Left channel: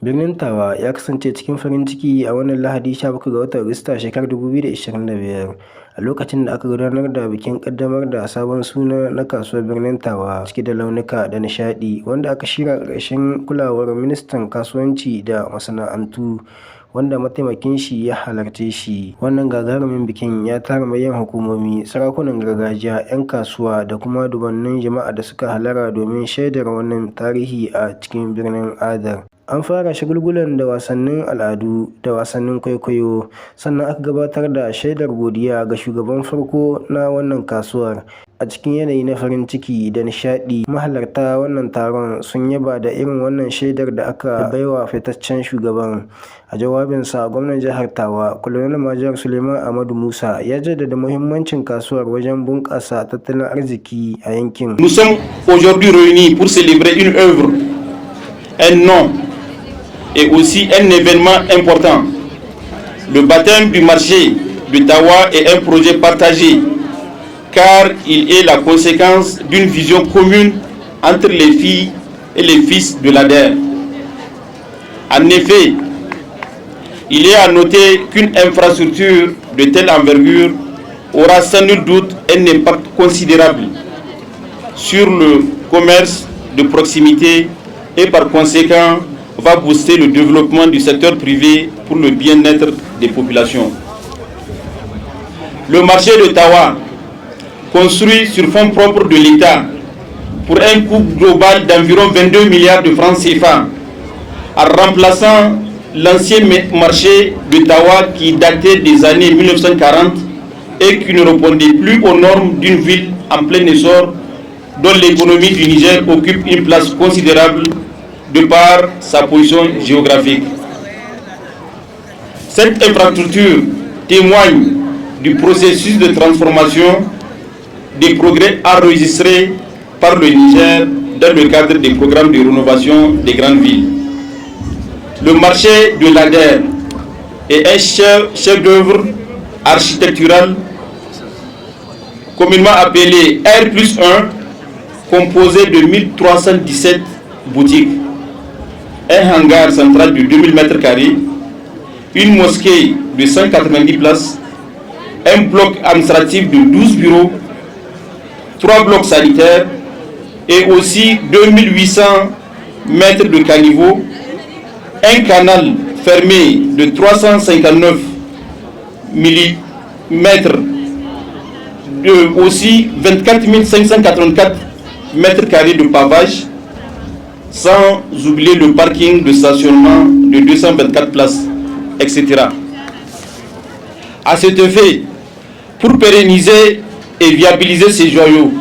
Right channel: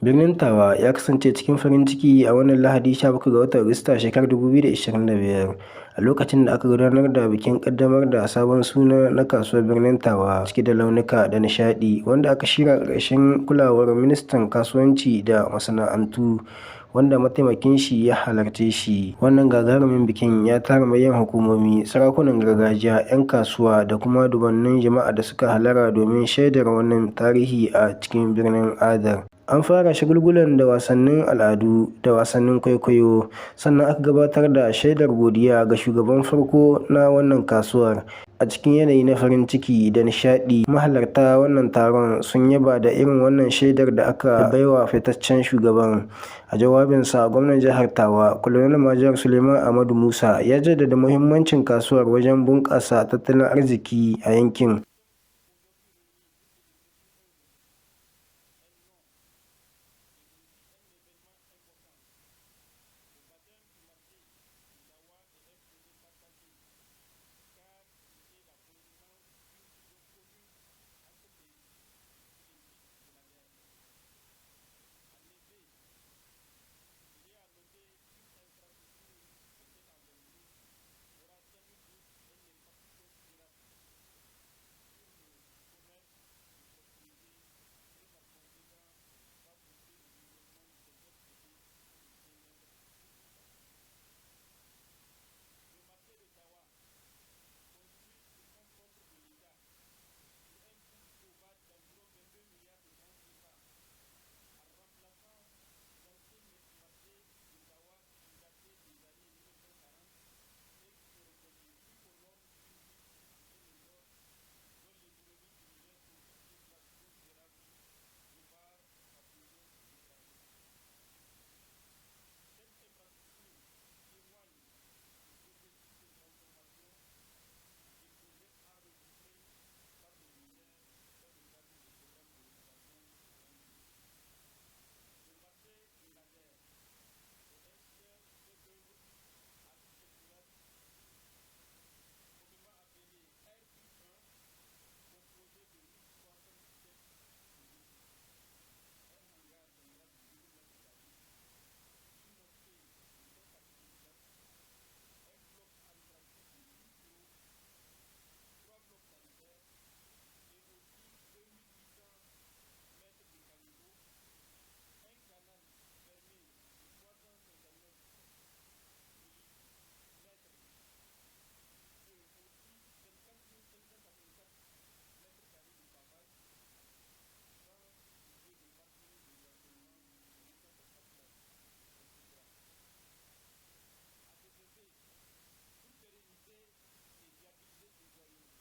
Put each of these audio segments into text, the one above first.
Birnin Tawa ya kasance cikin farin ciki a wannan Lahadi 17 ga watan Agusta shekarar 2025 a lokacin da aka gudanar da bikin ƙaddamar da sabon suna na kasuwar Birnin Tawa cike da launuka da nishaɗi, wanda aka shirya ƙarƙashin kulawar Ministan Kasuwanci da Masana'antu, wanda mataimakin shi ya halarce shi. Wannan gagarumin bikin ya tara manyan hukumomi, sarakunan gargajiya, 'yan kasuwa da kuma dubunnan jama'a da suka hallara domin shaidar wannan tarihi a cikin birnin Adar. An fara shagulgulan da wasannin al'adu da wasannin kwaikwayo, sannan aka gabatar da shaidar godiya ga shugaban farko na wannan kasuwar. A cikin yanayi na farin ciki da nishaɗi, mahalarta wannan taron sun yaba da irin wannan shaidar da aka baiwa fitaccen shugaban. A jawabinsa, gwamnan jihar Tawa, Colonel Major Suleiman Ahmadu Musa, ya jaddada muhimmancin kasuwar wajen bunƙasa tattalin arziki a yankin. Nous sommes aujourd'hui réunis pour célébrer une œuvre, un nom et aussi un événement important. Le baptême du marché de Tawa est un projet partagé car il est la conséquence d'une vision commune entre les filles et les fils de l'ADER. En effet, il est à noter qu'une infrastructure de telle envergure aura sans nul doute un impact considérable sur le commerce de proximité et par conséquent va booster le développement du secteur privé pour le bien-être des populations. Le marché de Tawa, construit sur fonds propres de l'État pour un coût global d'environ 22 milliards de francs CFA, en remplaçant l'ancien marché de Tawa qui datait des années 1940 et qui ne répondait plus aux normes d'une ville en plein essor dont l'économie du Niger occupe une place considérable de par sa position géographique. Cette infrastructure témoigne du processus de transformation des progrès enregistrés par le Niger dans le cadre des programmes de rénovation des grandes villes. Le marché de l'ADER est un chef-d'œuvre architectural communément appelé R+1, composé de 1317 boutiques, un hangar central de 2000 m², une mosquée de 190 places, un bloc administratif de 12 bureaux, 3 blocs sanitaires et aussi 2800 mètres de caniveau, un canal fermé de 359 mm, aussi 24 584 m² de pavage, sans oublier le parking de stationnement de 224 places, etc. À cet effet, pour pérenniser et viabiliser ces joyaux,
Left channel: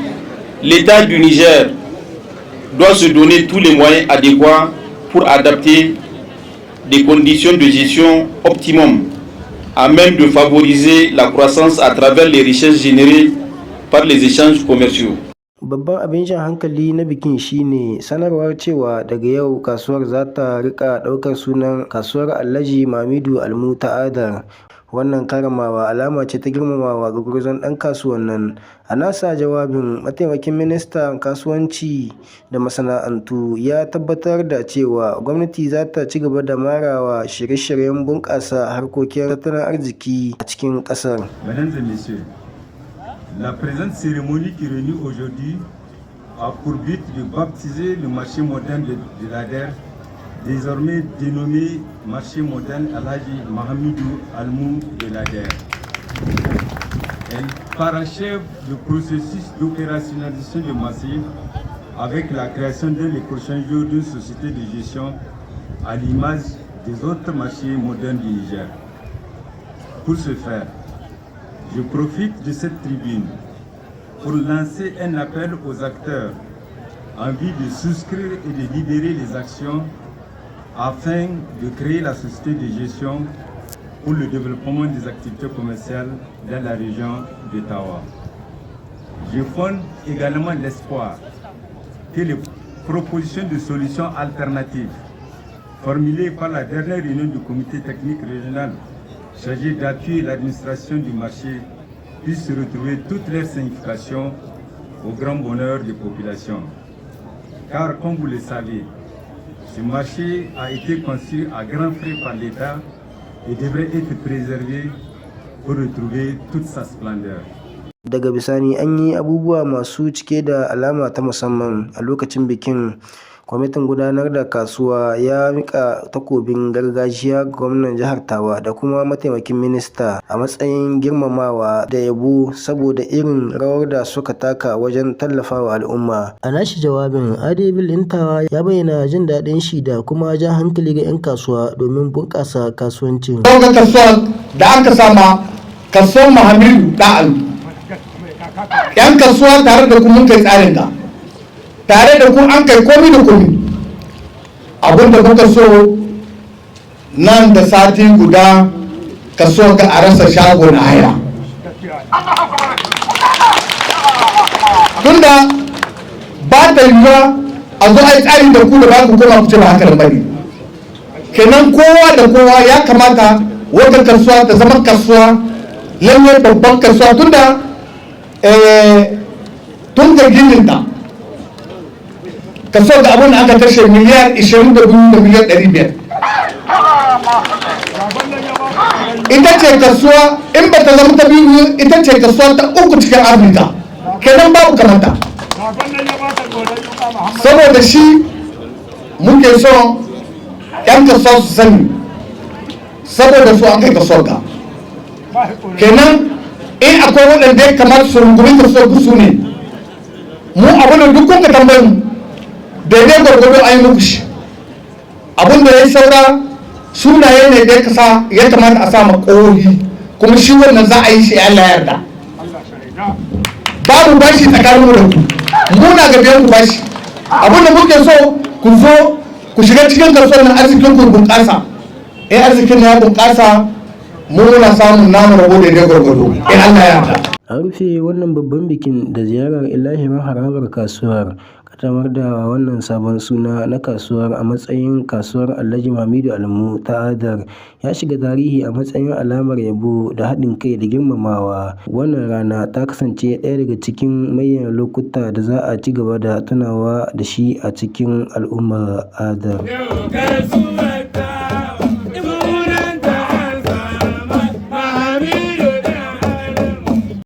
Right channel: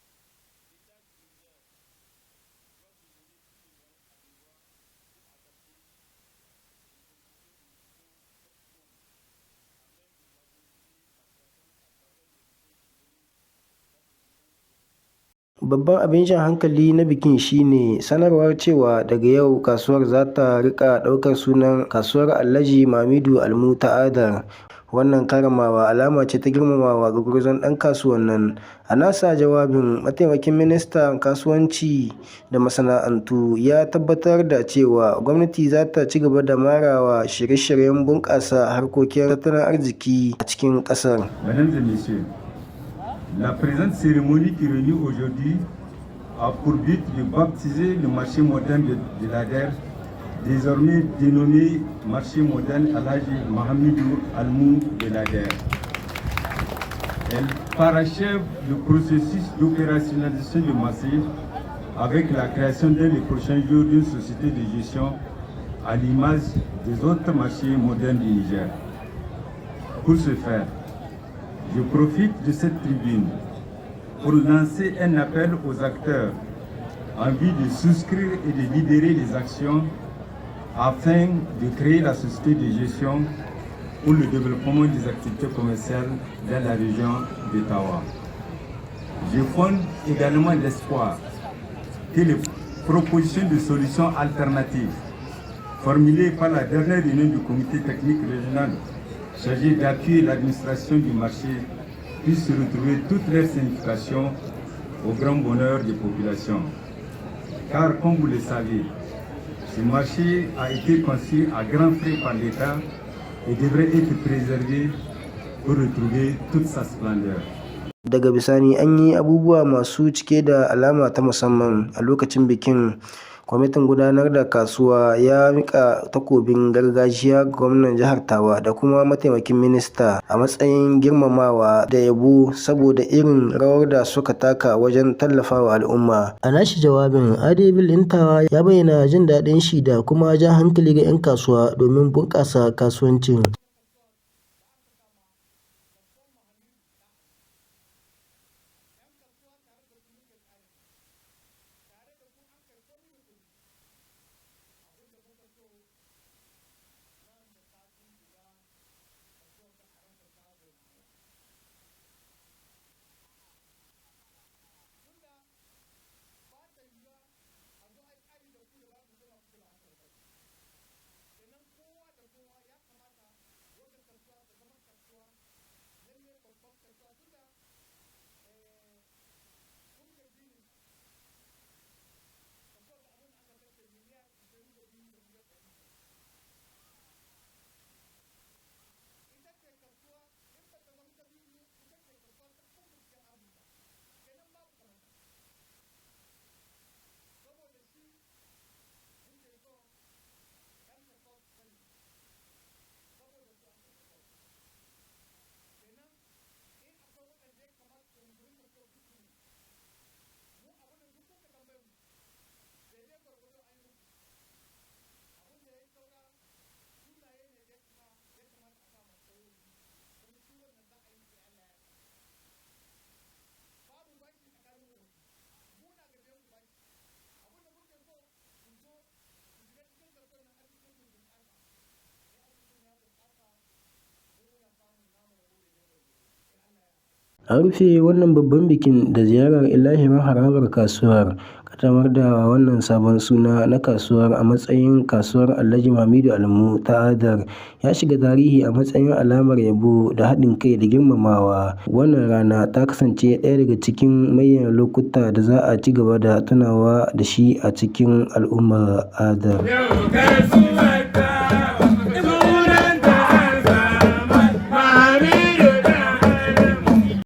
l'État du Niger doit se donner tous les moyens adéquats pour adapter des conditions de gestion optimum à même de favoriser la croissance à travers les richesses générées par les échanges commerciaux. Babban abin jan hankali na bikin shine sanarwar cewa daga yau kasuwar za ta rika ɗaukar sunan Kasuwar Alhaji Mamidu Almu ta Adar. Wannan karramawa alama ce ta girmamawa ga gwarzon ɗan kasuwan nan. A nasa jawabin, mataimakin ministan kasuwanci da masana'antu ya tabbatar da cewa gwamnati za ta ci gaba da marawa shirye-shiryen bunƙasa harkokin tattalin arziki a cikin ƙasar. La présente cérémonie qui réunit aujourd'hui a pour but de baptiser le marché moderne de l'ADER, désormais dénommé marché moderne Alhaji Mahamidou Almou de l'ADER. Elle parachève le processus d'opérationnalisation du marché avec la création dès les prochains jours d'une société de gestion à l'image des autres marchés modernes du Niger. Pour ce faire, je profite de cette tribune pour lancer un appel aux acteurs en vue de souscrire et de libérer les actions afin de créer la société de gestion pour le développement des activités commerciales dans la région de Tawa. Je fonde également l'espoir que les propositions de solutions alternatives formulées par la dernière réunion du comité technique régional chargé d'appuyer l'administration du marché puissent retrouver toute leur signification au grand bonheur des populations. Car comme vous le savez, Le marché a été conçu à grands frais par l'État et devrait être préservé pour retrouver toute sa splendeur. Daga bisani an yi abubuwa masu cike da alama ta musamman a lokacin bikin. Kwamitin gudanar da kasuwa ya mika takobin gargajiya ga gwamnan jihar Tawa da kuma mataimakin minista a matsayin girmamawa da yabo saboda irin rawar da suka taka wajen tallafawa al'umma. A nashi jawabin, Adebil Intawa ya bayyana jin daɗin shi da kuma ja hankali ga 'yan kasuwa domin bunƙasa kasuwancin. Ga kasuwa da aka sama kasuwar Muhammadu Da'alu. 'Yan kasuwa tare da kuma kai tsarin ka. Tare da ku an kai komi da komi abinda kuka so nan da sati guda ka so ga a rasa shago na haya tunda ba ta yiwuwa a zo a yi tsari da ku da ba ku koma ku ce ba haka da bane kenan kowa da kowa ya kamata wata kasuwa ta zama kasuwa lalle babban kasuwa tunda tun da gininta kaso da abin da aka kashe miliyar 22 da miliyar 500 ita ce kasuwa in ba ta zama ta biyu ita ce kasuwa ta uku cikin afirka kenan babu kamata saboda shi muke so yan kasuwa su sani saboda su an kai kasuwar ka kenan in akwai waɗanda ya kamata su rungumi kasuwar su ne mu abin da duk kun ka tambayin daidai gwargwado a yi muku shi abin da ya saura sunaye ne da ya kamata a sa ƙohi kuma shi wannan za a yi shi Allah yarda babu bashi tsakanin mu da ku muna ga biyan ku bashi abin da muke so ku zo ku shiga cikin kasuwar nan arzikin ku bunƙasa in arzikin ya bunƙasa mu muna samun namu rabo daidai gwargwado in Allah yarda. An rufe wannan babban bikin da ziyarar ilahirin harabar kasuwar, kaddamar da wannan sabon suna na kasuwar a matsayin kasuwar Alhaji Hamidu Almu ta Adar ya shiga tarihi a matsayin alamar yabo da haɗin kai da girmamawa. Wannan rana ta kasance ɗaya daga cikin manyan lokuta da za a ci gaba da tunawa da shi a cikin al'ummar Adar.